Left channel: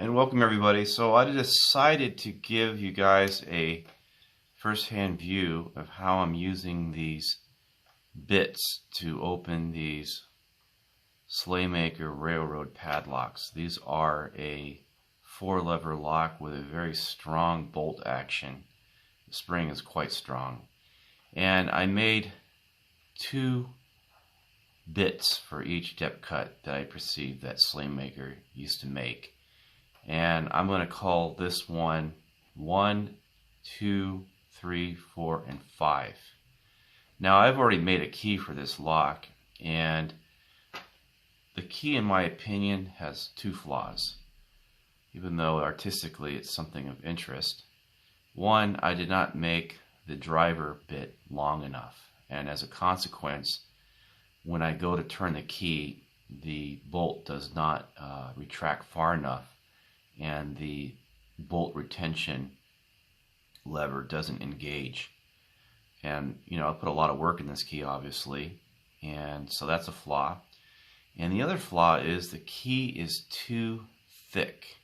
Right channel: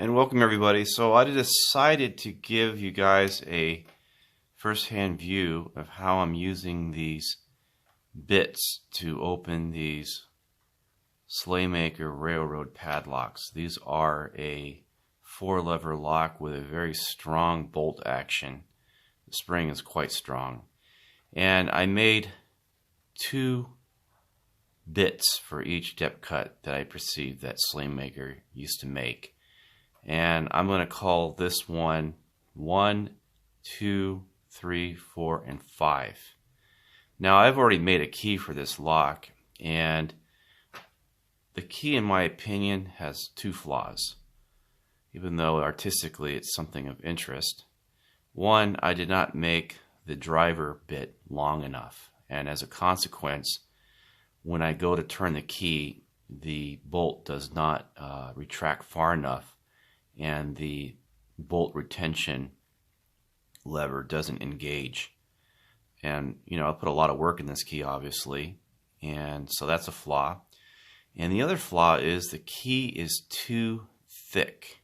And welcome everybody. So I decided to give you guys a first-hand view of how I'm using these bits to open these SLAYMAKER railroad padlocks. These are a 4-lever lock with a very strong bolt action. The spring is quite strong. And I made 2 bits for each depth cut that I perceived that SLAYMAKER used to make. And I'm going to call this one 1, 2, 3, 4, and 5. Now I've already made a key for this lock, and the key, in my opinion, has 2 flaws, even though artistically it's something of interest. One, I did not make the driver bit long enough, and as a consequence, when I go to turn the key, the bolt does not retract far enough, and the bolt retention lever doesn't engage. And I put a lot of work in this key, obviously, and so that's a flaw. And the other flaw is the key is too thick.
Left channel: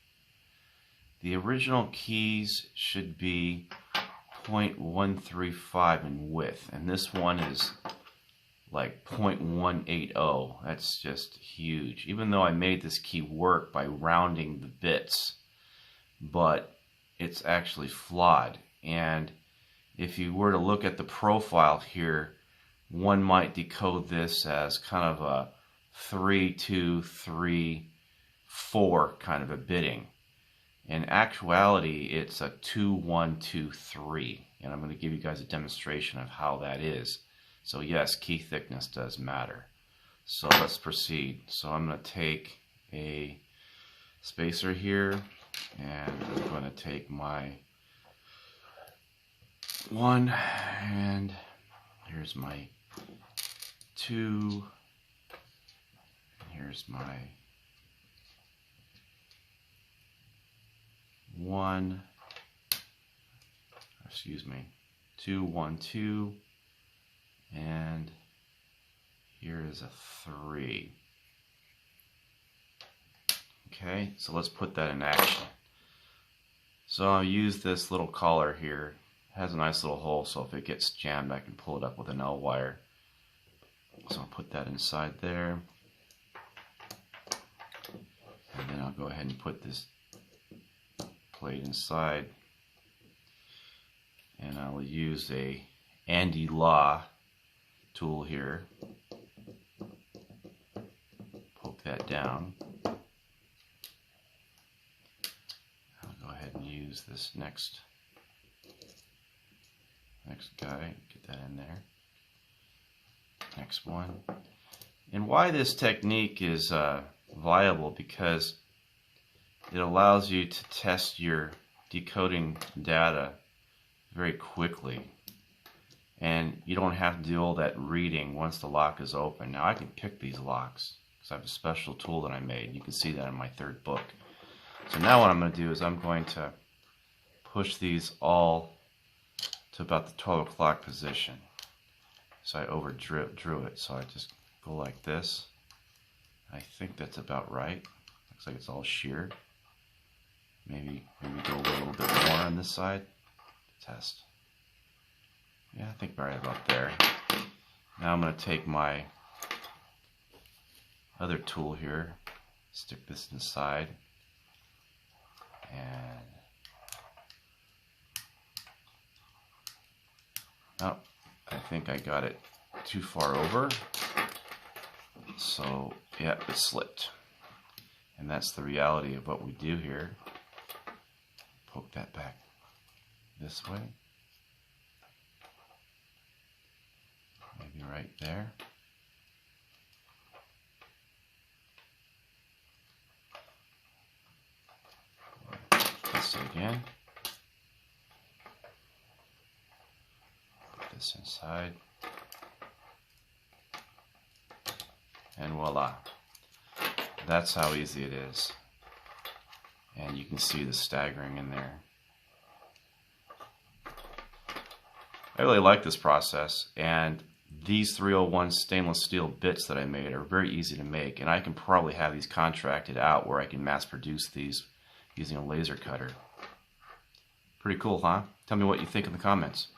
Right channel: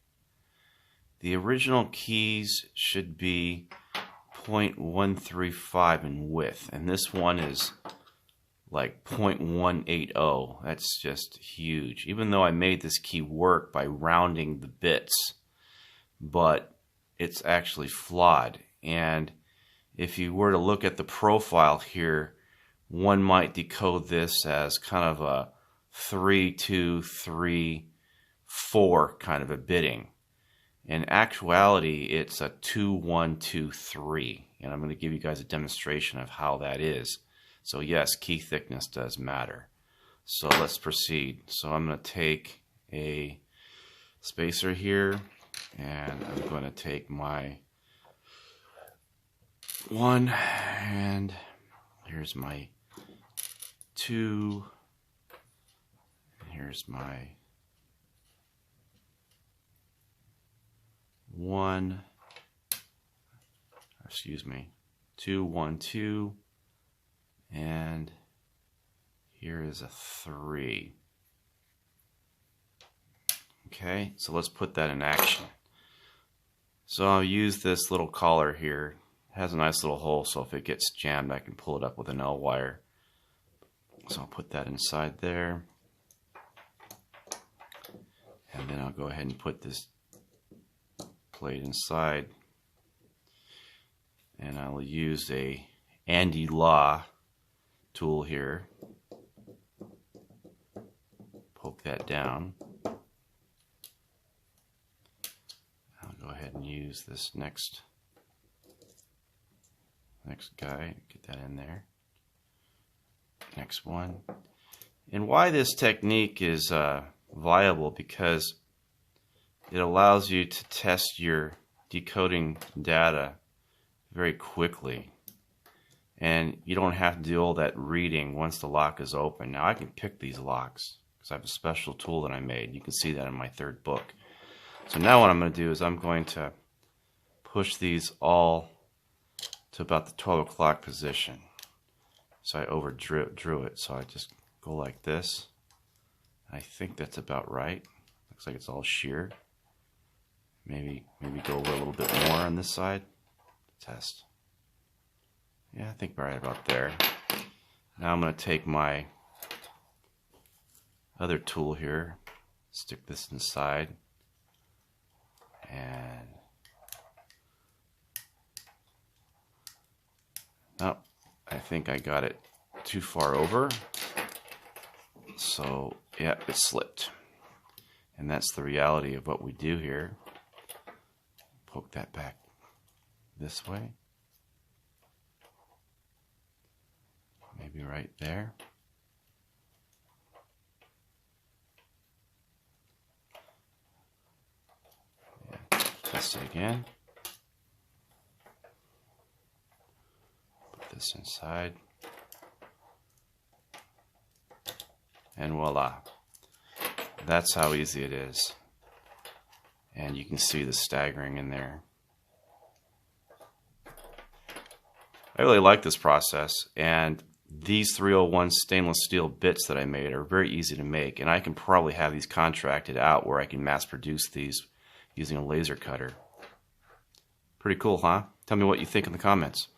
The original keys should be 0.135 in width, and this one is like 0.180. That's just huge. Even though I made this key work by rounding the bits, but it's actually flawed. And if you were to look at the profile here, one might decode this as kind of a 3, 2, 3, 4 kind of a bitting. In actuality, it's a 2, 1, 2, 3. And I'm going to give you guys a demonstration of how that is. So yes, key thickness does matter. So let's proceed. So I'm going to take a spacer here, and I'm going to take my 1, and here's my 2, and here's my 1, excuse me, 2, 1, 2, and here is a 3. Okay, so let's put that in action. So I'll use this little collar here. It has a nice little hole, so if it gets jammed, I can pull it up with an L wire. So I'll put that inside there. And then I'll go ahead and put this plate inside. And I will use a Andy Law tool here. Poke that down. I'll go ahead and use this next guy. Get that in there. Next one. And why this technique is viable, because it allows you to test your decoding data very quickly. And you don't have to do all that reading once the lock is open. Now I can pick these locks because I have a special tool that I made. You can see that in my 3rd book. So now what I'm going to do is I'm going to push these all to about the 12 o'clock position. So I overdrew it. So I just go like this. I think that's about right. Looks like it's all sheared. Maybe go a little bit more on this side to test. Yeah, I think right about there. Now I'm going to take my other tool here, stick this inside, and oh, I think I got it too far over. So yeah, it slipped. And that's the reality of what we do here. Poke that back this way. Maybe right there. This again. Put this inside. And voila. That's how easy it is. And you can see the staggering in there. I really like this process, and these 301 stainless steel bits that I made are very easy to make, and I can probably have these contracted out where I can mass produce these using a laser cutter. Pretty cool, huh? Tell me what you think in the comments.